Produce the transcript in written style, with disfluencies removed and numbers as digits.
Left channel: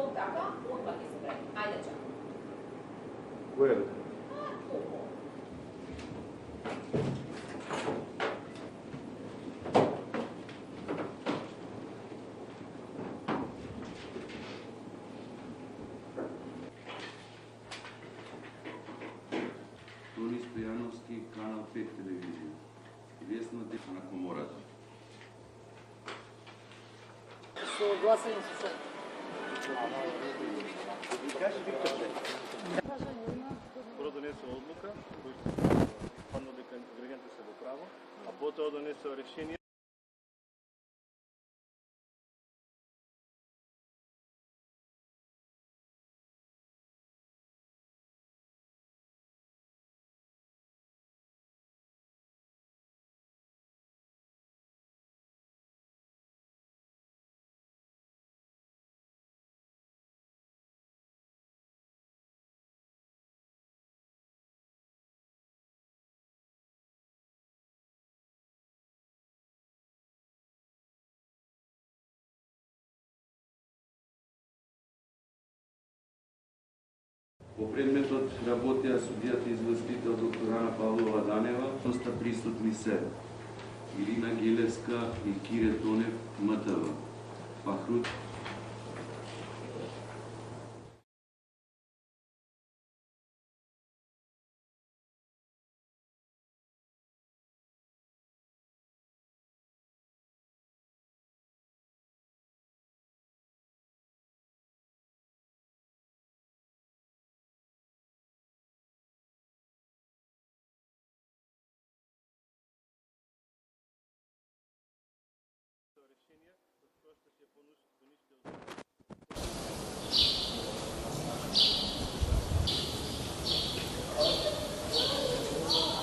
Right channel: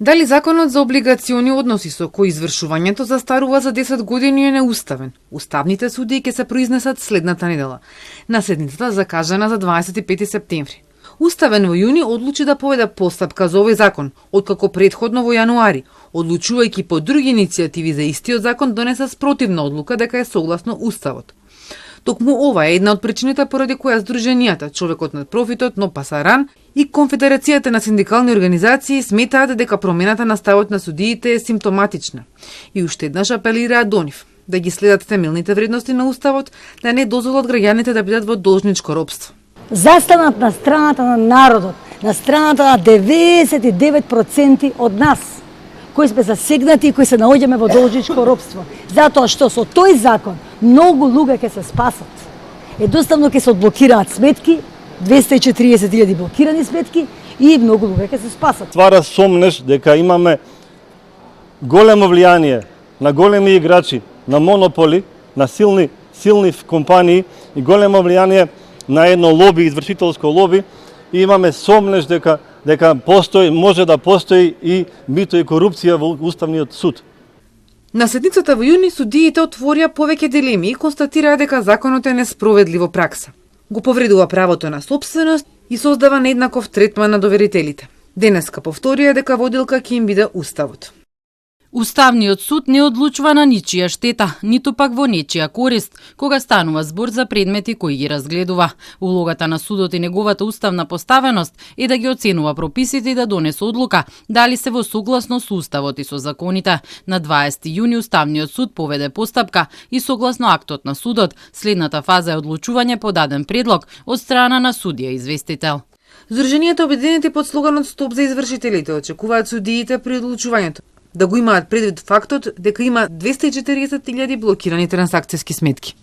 Дали законот за облигациони односи со кој извршувањето застарува за 10 години е неуставен? Уставните судии ќе се произнесат следната недела на седницата закажана за 25 септември. Уставен во јуни одлучи да поведе постапка за овој закон, откако предходно во јануари, одлучувајќи по други иницијативи за истиот закон, донеса спротивна одлука дека е согласно Уставот. Токму ова е една од причините поради која Сдруженијата Човекот над профитот, но Пасаран и Конфедерацијата на синдикални организации сметаат дека промената на ставот на судиите е симптоматична и уште еднаш апелираат до нив да ги следат темелните вредности на Уставот, да не дозволат граѓаните да бидат во должничко робство. Застанат на страната на народот, на страната на 99% од нас, кои сме засегнати и кои се наоѓаме во должничко робство. Затоа што со тој закон многу луѓе ќе се спасат. Едноставно ќе се одблокираат сметки, 240.000 блокирани сметки и многу луѓе ќе се спасат. Ствара сомнеш дека имаме големо влијание на големи играчи, на монополи, на силни компании и големо влијание на едно лоби, извршителско лоби, и имаме сомнеш дека може да постои и мито и корупција во Уставниот суд. На седницата во јуни судиите отворија повеќе дилеми и констатираа дека законот е несправедливо пракса. Го повредува правото на сопственост и создава нееднаков третман на доверителите. Денеска повторија дека водилка ќе им биде Уставот. Уставниот суд не одлучува на ничија штета, ниту пак во нечија корист, кога станува збор за предмети кои ги разгледува. Улогата на судот и неговата уставна поставеност е да ги оценува прописите и да донесе одлука дали се во согласно со Уставот и со законите. На 20 јуни Уставниот суд поведе постапка и согласно актот на судот, следната фаза е одлучување по даден предлог од страна на судија известител. Сдруженијата Обединети под слоганот Стоп за извршителите очекуваат судиите при одлучувањето да го имаат предвид фактот дека има 240.000 блокирани трансакцијски сметки.